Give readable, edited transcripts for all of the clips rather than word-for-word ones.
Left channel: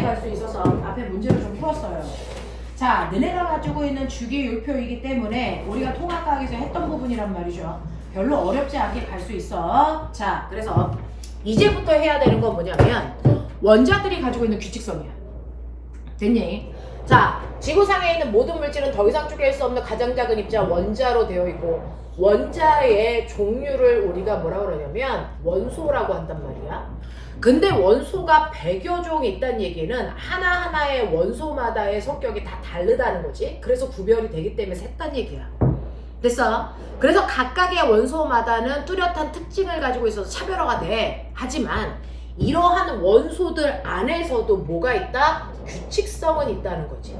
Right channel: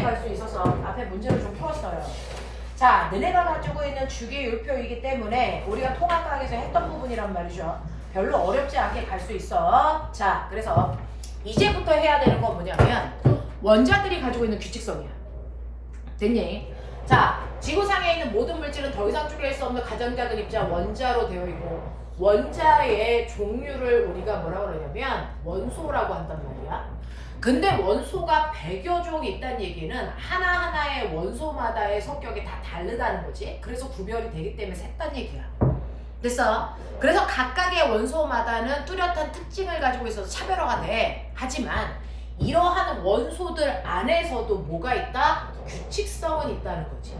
이렇게 갈 수 있어서 앞에 문제를 좀 풀었어요. 자, 너네가 가지고 있는 주기율표이기 때문에 우리가 통합과학에서 했던 부분이란 말이죠. 별로 어렵지 않게 갈 수 있어. 자, 그래서 이제부터 해야 되는 건 뭐냐면 원자들이 가지고 있는 규칙성이야. 됐니? 자, 지구상에 있는 모든 물질은 더 이상 쪼갤 수 없는 가장 작은 입자 원자로 되어 있고, 원자의 종류를 우리가 뭐라 그러냐면 원소라고 한단 말이야. 근데 원소가 100여 종이 있다는 얘기는 하나하나의 원소마다의 성격이 다 다르다는 거지. 그래서 구별이 되기 때문에 셌단 얘기야. 됐어? 그래서 각각의 원소마다는 뚜렷한 특징을 가지고 있어서 차별화가 돼. 하지만 이러한 원소들 안에서도 뭐가 있다? 규칙성은 있다는 거지.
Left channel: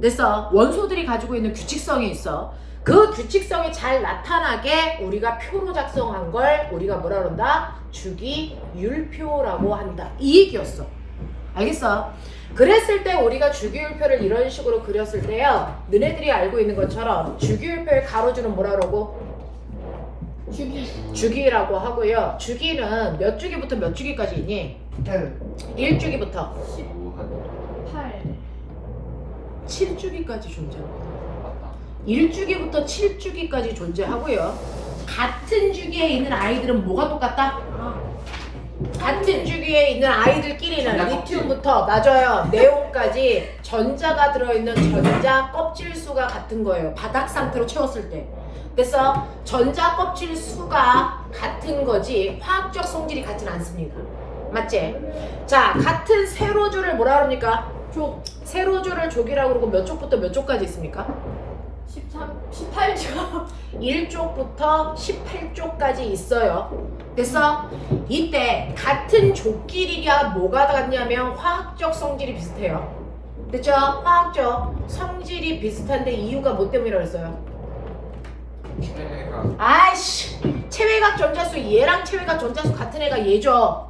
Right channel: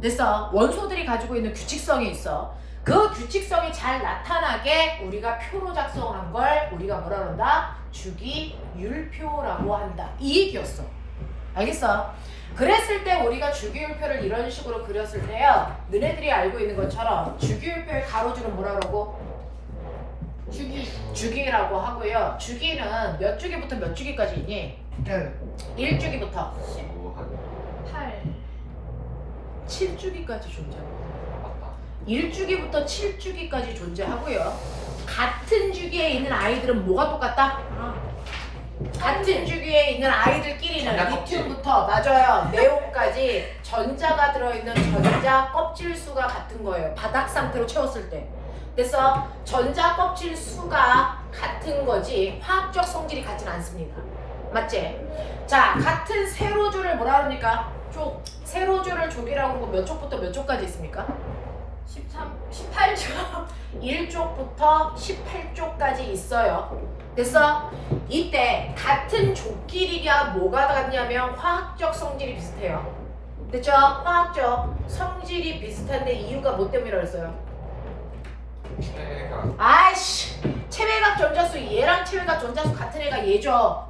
됐어? 원소들이 가지고 있는 규칙성이 있어. 그 규칙성이 잘 나타나게 우리가 표로 작성한 걸 우리가 뭐라 그런다? 주기율표라고 한다. 이 얘기였어. 알겠어? 그랬을 때 우리가 주기율표를 이런 식으로 그렸을 때요, 너네들이 알고 있는 것처럼 주기율표의 가로줄은 뭐라 그러고? 주기라고 하고요. 주기는 몇 주기부터 몇 주기까지 있니? 1주기부터 8. 7주기까지 존재합니다. 1주기부터 7주기까지 존재하고요. 같은 주기에 있는 아이들은 뭐가 똑같다? 같은 주기에 있는 아이들끼리는 리튬부터 맞아요. 네온까지 전자가 들어있는 전자 껍질 수가 같은 거예요. 바닥 상태로 채웠을 때. 그래서 전자 껍질 수가 같은 거지 화학적 성질이 같진 않습니다. 맞지? 자, 같은 세로줄을 뭐라 그럽니까? 족. 세로줄을 족이라고 그러고 몇 쪽부터 몇 쪽까지 있습니까? 18조. 1쪽부터 18쪽까지 있어요. 그래서 이때 같은 족끼리가 뭐가 같냐면 화학적 성질이 비슷해요. 됐죠? 화학적 성질이 비슷한데 이유가 뭐 때문이라고 했어요? 아이씨, 체외각 전자수, 얘랑 체외각 전자수 같은 애가 얘죠.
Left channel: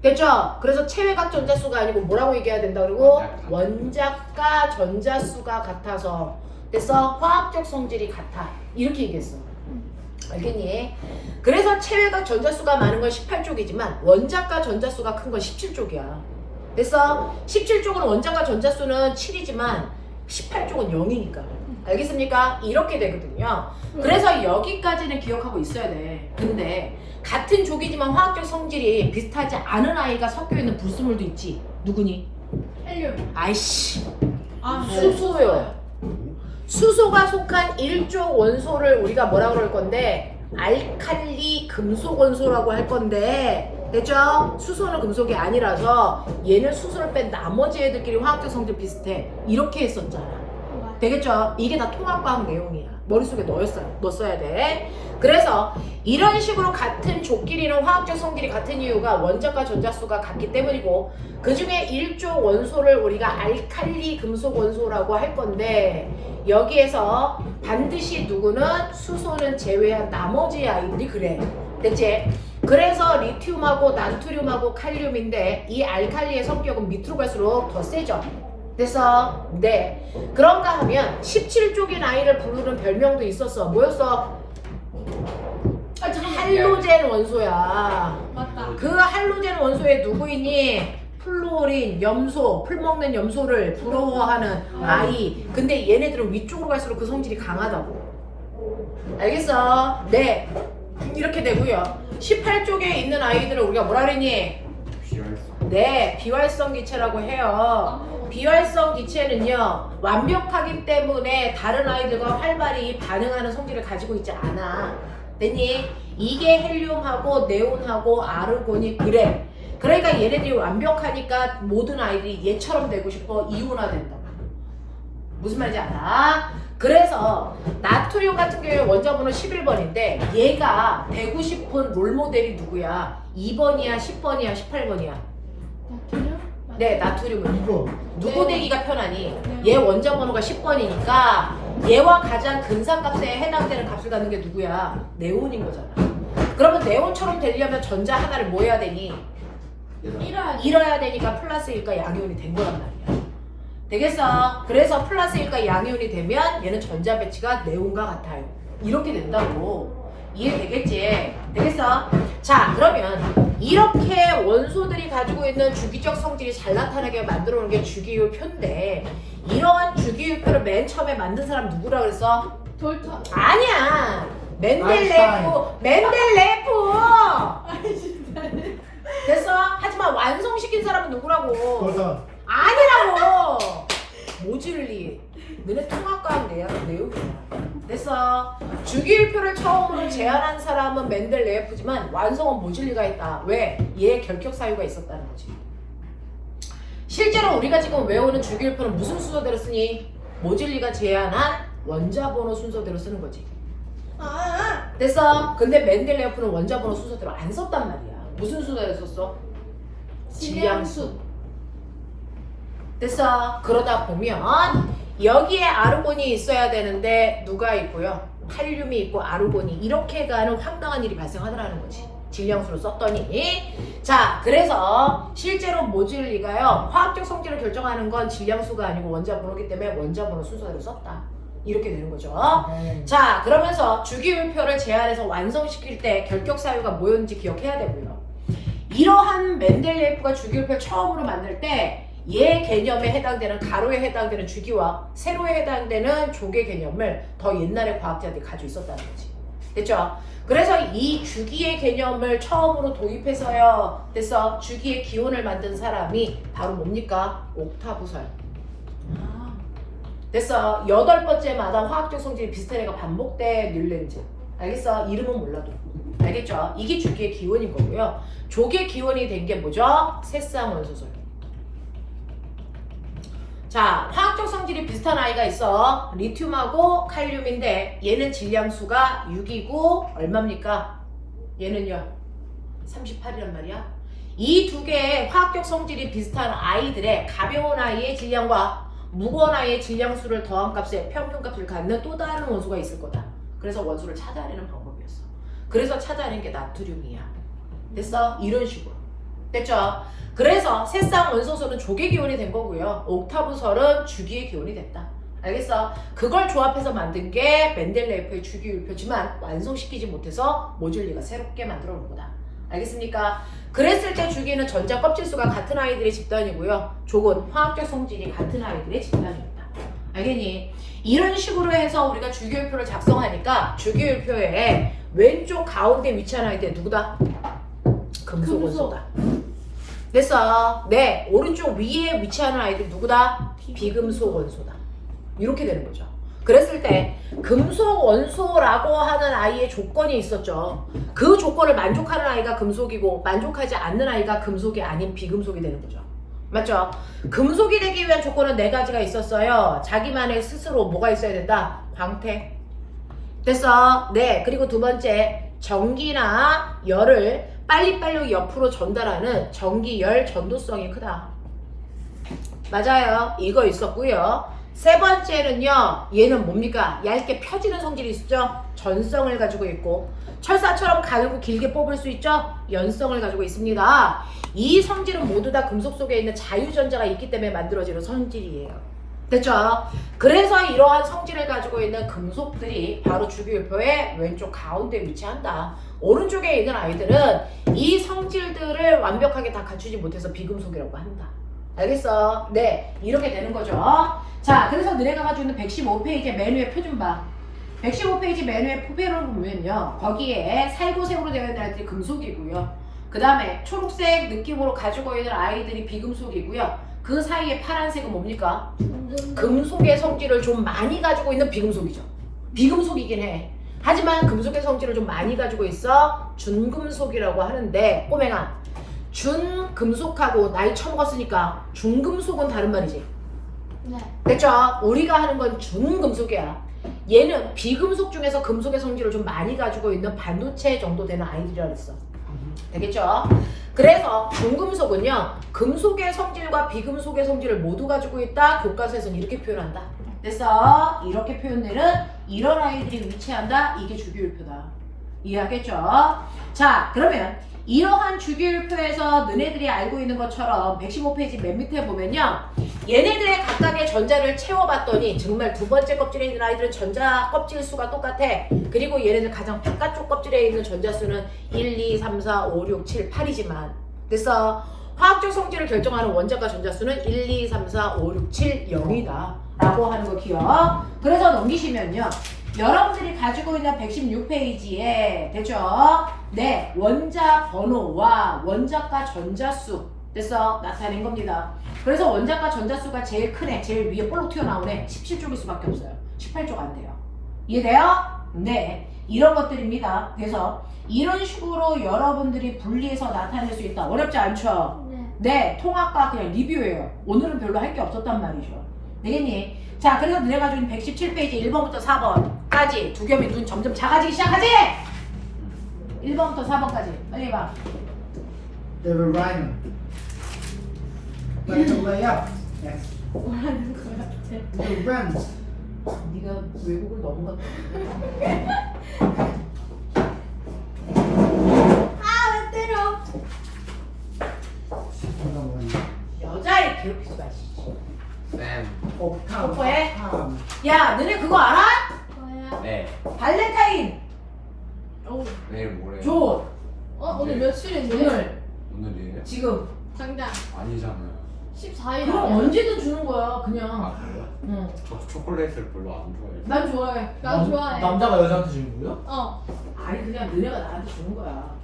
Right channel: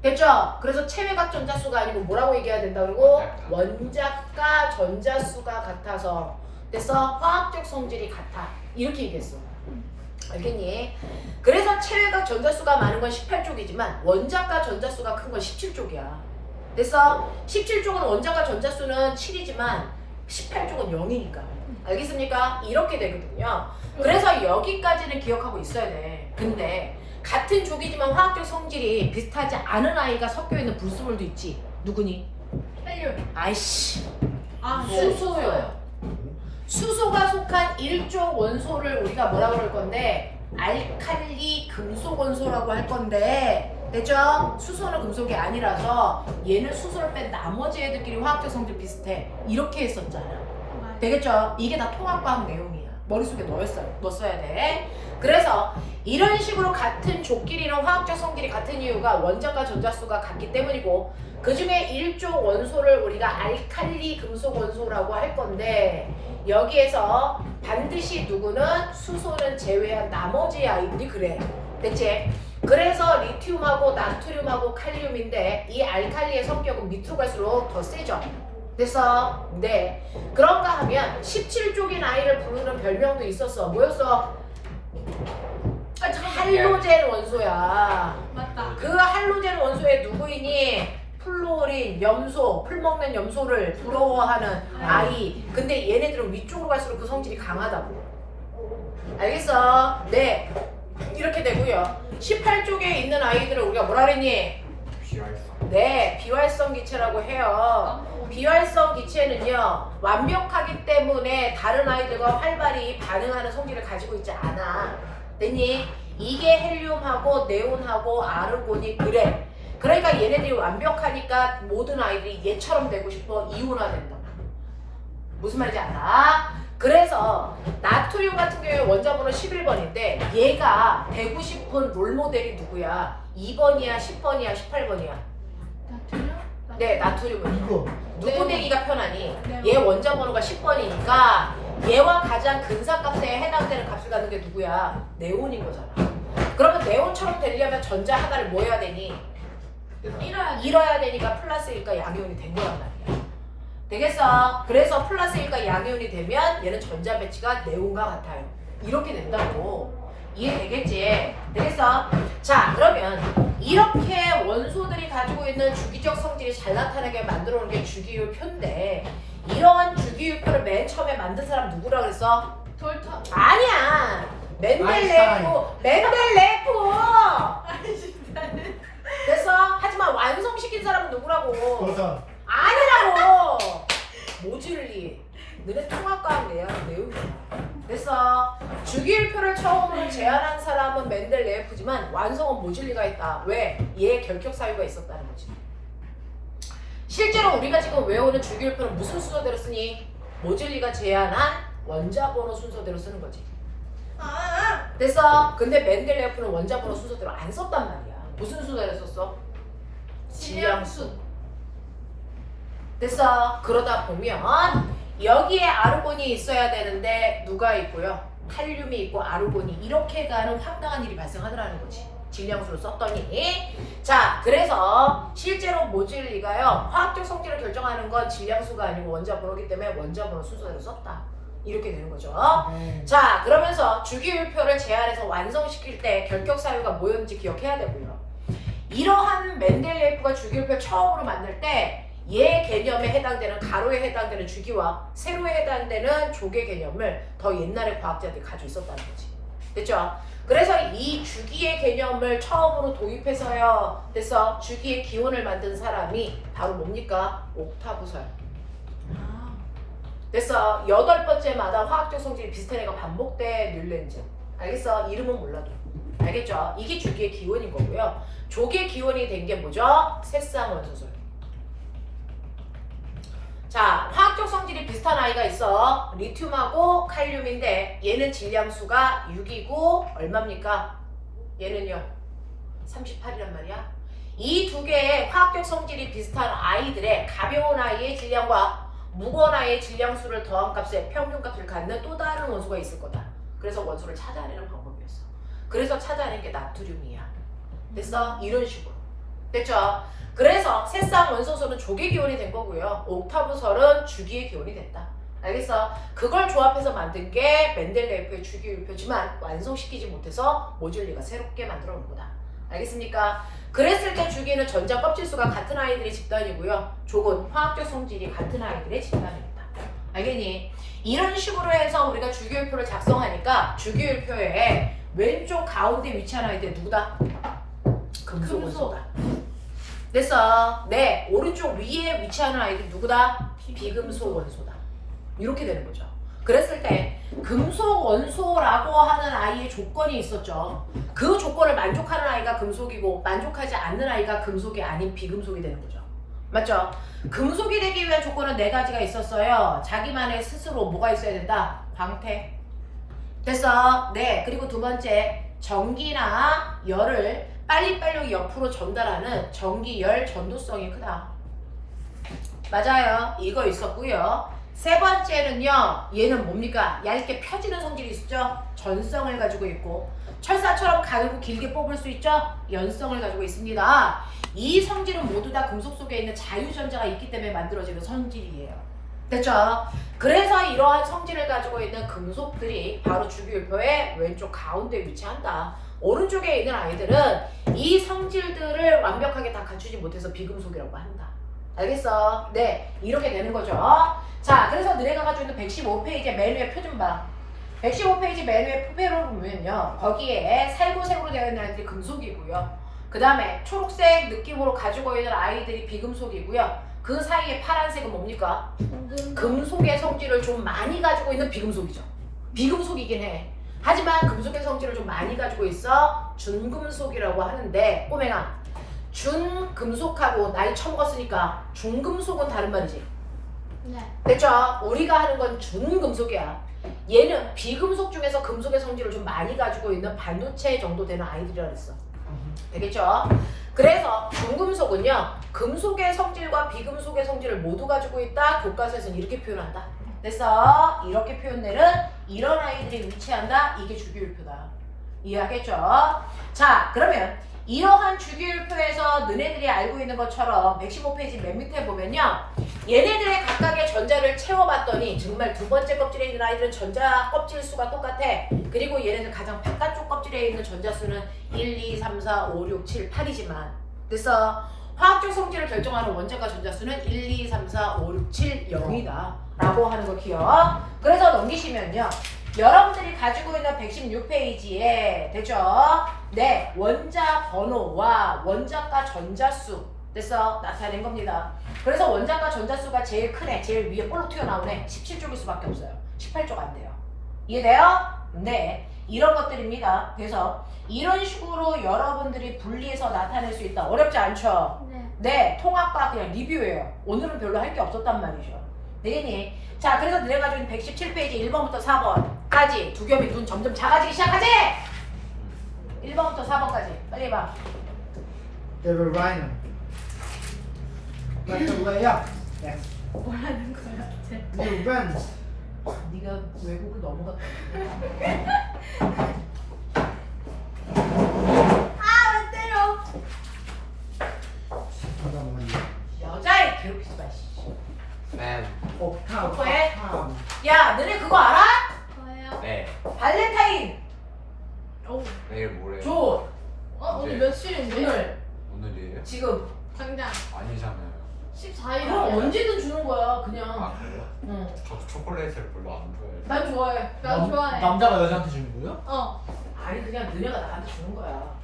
됐죠? 그래서 체외각 전자수가 아니고 뭐라고 얘기해야 된다 그리고 원자과 전자수가 같아서 됐어? 화학적 성질이 같아. 이렇게 얘기했어. 알겠니? 그래서 체외각 전자수가 많은 건 18쪽이지만 원자과 전자수가 큰 건 17쪽이야. 됐어? 17쪽은 원자과 전자수는 7이지만 18쪽은 0이니까. 알겠습니까? 이렇게 되거든요. 그래서 여기까지는 기억하고 있어야 돼. 근데 같은 족이지만 화학적 성질이 비슷하지 않은 아이가 섞여있는 불순물도 있지. 누구니? 헬륨. 아이씨, 네. 수소요. 수소가 속한 1족 원소를 우리가 뭐라고 그럴 건데 알칼리 금속 원소라고 할 건데, 됐죠? 수소는 금속이 아니라서 얘는 수소를 뺀 나머지 애들끼리 화학적 성질 비슷해. 이렇게 했었잖아. 되겠죠? 이게 다 통합과학 내용이야. 머릿속에 넣었어야 돼. 그래서 이런 식으로 같은 족끼리는 화학적 성질이 같은 이유가 원자과 전자수가 같기 때문이고, 그 중에 1족 원소를 우리가 알칼리 금속 원소라고 할 건데, 여기에서 반드시 누구는 수소는 제외한 나머지 아이들이 그래. 됐지? 그래서 리튬하고 나트륨하고 칼륨인데 이 알칼리의 성격은 밑으로 갈수록 더 세죠. 됐어? 네. 그런가 하면 17쪽인 아이를 부르는 별명도 있었어. 뭐였어? 할로젠 원소야. 맞다. 그 할로젠 원소에 누구이니? 플로린, 염소, 풀 먹는 염소를 부러워하는 아이. 근데 얘네들은 위쪽으로 갈수록 그 성질이 강하다고. 알겠어? 네. 이렇게 되고요. 18쪽에 있는 아이들을 우리가 뭐라 그랬니? 네, 비활성 기체라고 해요. 비활성 기체는요, 완벽하기 때문에 다른 아이들과 활발히 반응하는 성질을 가지고 있지 않아. 됐니? 이게 헬륨하고 네온하고 아르곤이 그래. 그러니까 얘네들이 완벽하니까 모든 아이들이 얘처럼 되고 싶어 이온화된다. 무슨 말인지 알아? 그래서 나트륨 같은 경우에 원자번호 11번인데 얘가 되고 싶은 롤모델이 누구야? 2번이야, 10번이야, 18번이야? 나트륨? 네, 나트륨은 2번. 누구 되기가 편하니? 얘 원자번호가 10번이니까 얘와 가장 근사값에 해당되는 값을 갖는 게 누구야? 네온인 거잖아. 그러면 네온처럼 되려면 전자 하나를 뭐 해야 되니? 잃어야 되니까 플러스 1과 양이온이 된 거란 말이야. 되겠어? 그래서 플러스 1과 양이온이 되면 얘는 전자 배치가 네온과 같아요. 이렇게 된다고. 이해되겠지? 되겠어? 자, 그러면 이렇게 원소들이 가지고 있는 주기적 성질이 잘 나타나게 만들어 놓은 게 주기율표인데 이러한 주기율표를 맨 처음에 만든 사람 누구라 그랬어? 돌터. 아니야. 멘델레프. 됐어? 하지만 완성시킨 사람은 누구라고? 도전. 아니라고. 모질리. 너네 통합과학 내용이야. 됐어? 주기율표를 처음으로 제안한 사람은 멘델레예프지만 완성은 모질리가 했다. 왜? 얘의 결격 사유가 있었다는 거지. 실제로 우리가 지금 외우는 주기율표는 무슨 순서대로 쓰니? 모질리가 제안한 원자번호 순서대로 쓰는 거지. 됐어? 근데 멘델레예프는 원자번호 순서대로 안 썼단 말이야. 무슨 순서대로 썼어? 질량수. 됐어? 그러다 보면 여기에 아르곤이 있어야 되는데 누가 있고요? 칼륨이 있고 아르곤이 이렇게 가는 황당한 일이 발생하더라는 거지. 질량수를 썼더니. 자, 그래서 실제로 모질리가요 화학적 성질을 결정하는 건 질량수가 아니고 원자번호이기 때문에 원자번호 순서대로 썼다. 이렇게 되는 거죠. 자, 그러면서 주기율표를 제안해서 완성시킬 때 결격 사유가 뭐였는지 기억해야 되고요. 이러한 멘델레예프가 주기율표 처음으로 만들 때 얘 개념에 해당되는 가로에 해당되는 주기와 세로에 해당되는 조개 개념을 더 옛날에 과학자들이 가지고 있었다는 거지. 됐죠? 그래서 이 주기의 개념을 처음으로 도입해서요. 됐어? 주기의 기원을 만든 사람이 바로 뭡니까? 옥타브서요. 됐어? 8번째마다 화학적 성질이 비슷한 애가 반복돼 뮬렌즈. 알겠어? 이름은 몰라도. 알겠죠? 이게 주기의 기원인 거고요. 조기의 기원이 된 게 뭐죠? 새쌍원소설. 자, 화학적 성질이 비슷한 아이가 있어. 리튬하고 칼륨인데 얘는 질량수가 6이고 얼마입니까? 얘는요? 38이란 말이야. 이 두 개의 화학적 성질이 비슷한 아이들의 가벼운 아이의 질량과 무거운 아이의 질량수를 더한 값에 평균값을 갖는 또 다른 원소가 있을 거다. 그래서 원소를 찾아내는 방법이었어. 그래서 찾아낸 게 나트륨이야. 됐어? 이런 식으로. 됐죠? 그래서 새쌍 원소설은 조개 기원이 된 거고요. 옥타브설은 주기의 기원이 됐다. 알겠어? 그걸 조합해서 만든 게 멘델레예프의 주기율표지만 완성시키지 못해서 모질리가 새롭게 만들어 놓은 거다. 알겠습니까? 그랬을 때 주기는 전자 껍질수가 같은 아이들의 집단이고요. 족은 화학적 성질이 같은 아이들의 집단입니다. 알겠니? 이런 식으로 해서 우리가 주기율표를 작성하니까 주기율표에 왼쪽 가운데 위치한 아이들 누구다? 금속 원소다. 됐어? 네, 오른쪽 위에 위치하는 아이들 누구다? 비금속 원소다. 이렇게 되는 거죠. 그랬을 때 금속 원소라고 하는 아이의 조건이 있었죠. 그 조건을 만족하는 아이가 금속이고 만족하지 않는 아이가 금속이 아닌 비금속이 되는 거죠. 맞죠? 금속이 되기 위한 조건은 4가지가 있었어요. 자기만의 스스로 뭐가 있어야 된다? 광택. 됐어? 네, 그리고 두 번째 전기나 열을 빨리빨리 옆으로 전달하는 전기 열 전도성이 크다. 맞아요. 이거 있었고요. 세 번째는요. 얘는 뭡니까? 얇게 펴지는 성질이 있죠. 전성을 가지고 있고 철사처럼 가늘고 길게 뽑을 수 있죠. 연성을 가지고 있습니다. 이 성질은 모두 다 금속 속에 있는 자유전자가 있기 때문에 만들어지는 성질이에요. 됐죠? 그래서 이러한 성질을 가지고 있는 금속들이 바로 주기율표의 왼쪽 가운데 위치한다. 오른쪽에 있는 아이들은 이 성질들을 완벽하게 다 갖추지 못해서 비금속이라고 한다. 알겠어? 네, 이렇게 되는 거죠. 자, 그래서 너네가 가지고 있는 115페이지의 맨 위에 표 좀 봐. 115페이지 맨 위에 표를 보면요. 거기에 살구색으로 되어 있는 아이들이 금속이고요. 그 다음에 초록색 느낌으로 가지고 있는 아이들이 비금속이고요. 그 사이에 파란색은 뭡니까? 금속의 성질을 좀 많이 가지고 있는 비금속이죠. 비금속이긴 해. 하지만 금속의 성질을 좀 많이 가지고 있어 준금속이라고 하는데 꼬맹아, 준금속하고 나이 처먹었으니까 중금속은 다른 말이지. 네. 됐죠? 우리가 하는 건 준금속이야. 얘는 비금속 중에서 금속의 성질을 좀 많이 가지고 있는 반도체 정도 되는 아이들이라 그랬어. 되겠죠? 그래서 중금속은요, 금속의 성질과 비금속의 성질을 모두 가지고 있다. 교과서에서는 이렇게 표현한다. 됐어? 이렇게 표현되는 이런 아이들이 위치한다. 이게 주기율표다. 이해하겠죠? 자, 그러면 이러한 주기율표에서 너네들이 알고 있는 것처럼 115페이지 맨 밑에 보면요. 얘네들의 각각의 전자를 채워봤더니 정말 두 번째 껍질에 있는 아이들은 전자 껍질 수가 똑같아. 그리고 얘네는 가장 바깥쪽 껍질에 있는 전자 수는 1, 2, 3, 4, 5, 6, 7, 8이지만 그래서 화학적 성질을 결정하는 원자과 전자 수는 1, 2, 3, 4, 5, 6, 7, 0이다 라고 하는 거 기억. 그래서 넘기시면요. 여러분들이 가지고 있는 116페이지에 됐죠? 네, 원자 번호와 원자과 전자수 됐어? 나타낸 겁니다. 그래서 원자과 전자수가 제일 큰 애, 제일 위에 볼록 튀어나온 애 17쪽일 수밖에 없어요. 18쪽 안 돼요. 이해돼요? 네, 이런 것들입니다. 그래서 이런 식으로 여러분들이 분리해서 나타낼 수 있다. 어렵지 않죠? 네. 네, 통합과 그냥 리뷰예요. 오늘은 별로 할 게 없었단 말이죠. 되겠니? 자, 그래서 너네가 가지고 있는 117페이지 1번부터 4번까지 두 겹의 눈 점점 작아지기 시작하지? 1번부터 4번까지 빨리 해봐. They were rhino. Like the way up. Yes. 뭐라는 거야? The runs. 네가 외국을 너무 갔다. 아왜 때려? 잠깐만요. 여자애 괴롭히지 마. 씨. 쌤. 옥탑. 왜? 옥탑. 야, 너네 그거 알아? 뭐예요? 네. 발렌타인 오. 내일 모레요. 줘. 오늘 며칠인데? 오늘 오늘이에요? 지금. 당장 아니잖아요. 14일 그럼 아니야? 언제든 주는 거야. 그냥. 아 그래요? 응. 저 초콜릿을 별로 안 좋아해요. 난 좋아해. 나 좋아해. 남자가 여자한테 주는 거요? 어. 아니 그냥 너네가 나한테 주는 거야.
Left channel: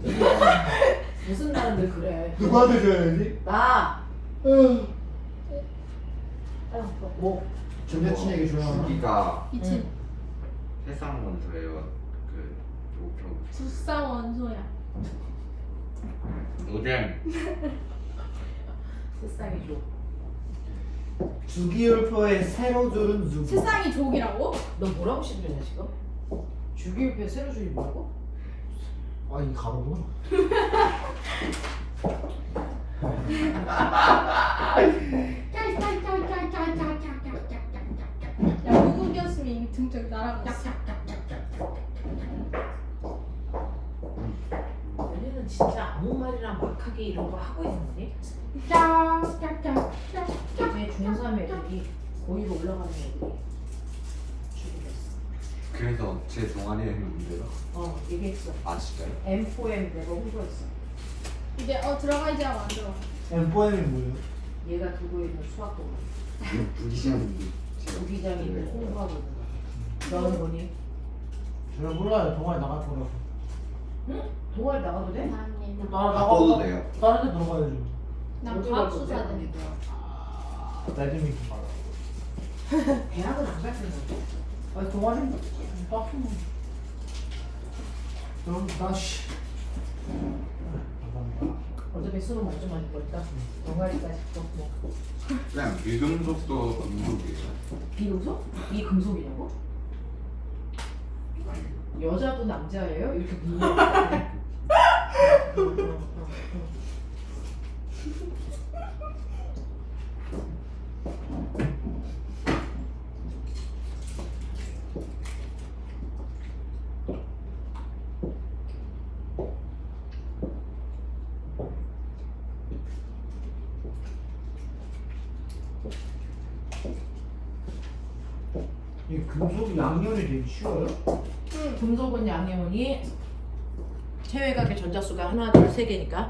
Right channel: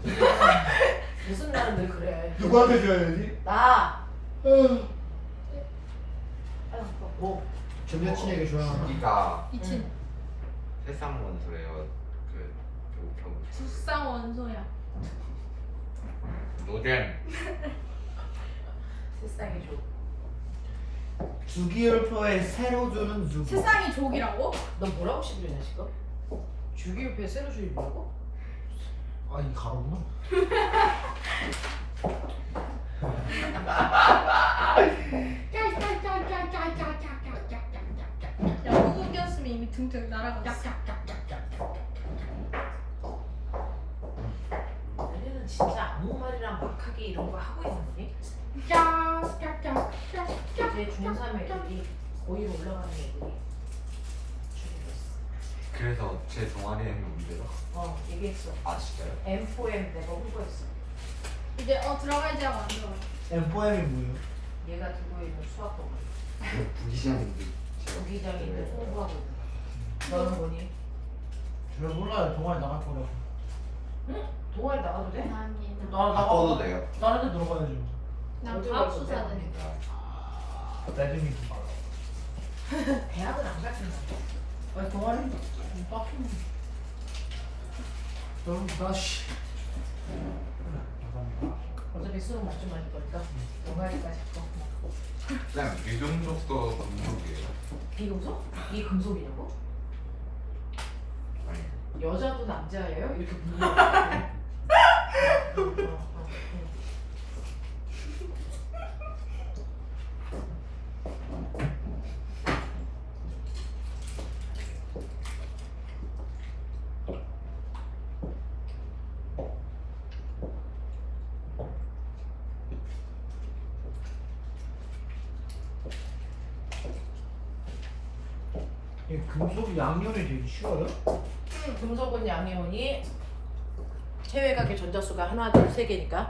무슨 날은 늘 그래. 누구한테 줘야 되지? 나. 응. 아유, 뭐. 전 여친에게 줘야 하나? 여기가 미친. 세상 원소예요. 그 목표 불쌍 원소야. 노잼. 세상에 줘. 주기율표에 새로 주는 누구? 세상이 족이라고? 너 뭐라고 시비냐 지금? 주기율표에 새로 주입이라고? 아, 이 가로구나. 야, 누구였으면 이미 등등 날아갔어. 너네는 진짜 아무 말이랑 막하게 이런 거 하고 있니? 이제 중3 애들이 고1로 올라가는 애들이 주기했어. 그래서 제 동아리에 했는데요. 얘기했어. 아 진짜요? M4M 내가 홍보했어. 이제 들어갈 때가 안 들어. M4M이 뭐예요? 얘가 두고 있는 수학 공부. 이거 부기시는데 부기장이 있는 홍보하고 있는 거. 너는 뭐니? 제가 몰라요. 동아리 나갈 거라고. 응? 동아리 나가도 돼? 감사합니다. 나 바꿔도 돼요. 다른 데 들어가야죠. 난 과학수사대. 배드민턴 나가고. 대학을 안 갔을 텐데. 아니 동아리 빡치면. 그럼 다시. 나갑니다. 어차피 수능 만점 맞을 거니까 동아리까지 또 뭐. 쌤 비금속도 금속이에요. 비금속? 이 금속이냐고? 아니. 여자분 남자예요? 이렇게 묻는 이 금속 양면이 되게 쉬워요? 금속은 양이온이 체외각의 전자수가 하나, 둘, 세 개니까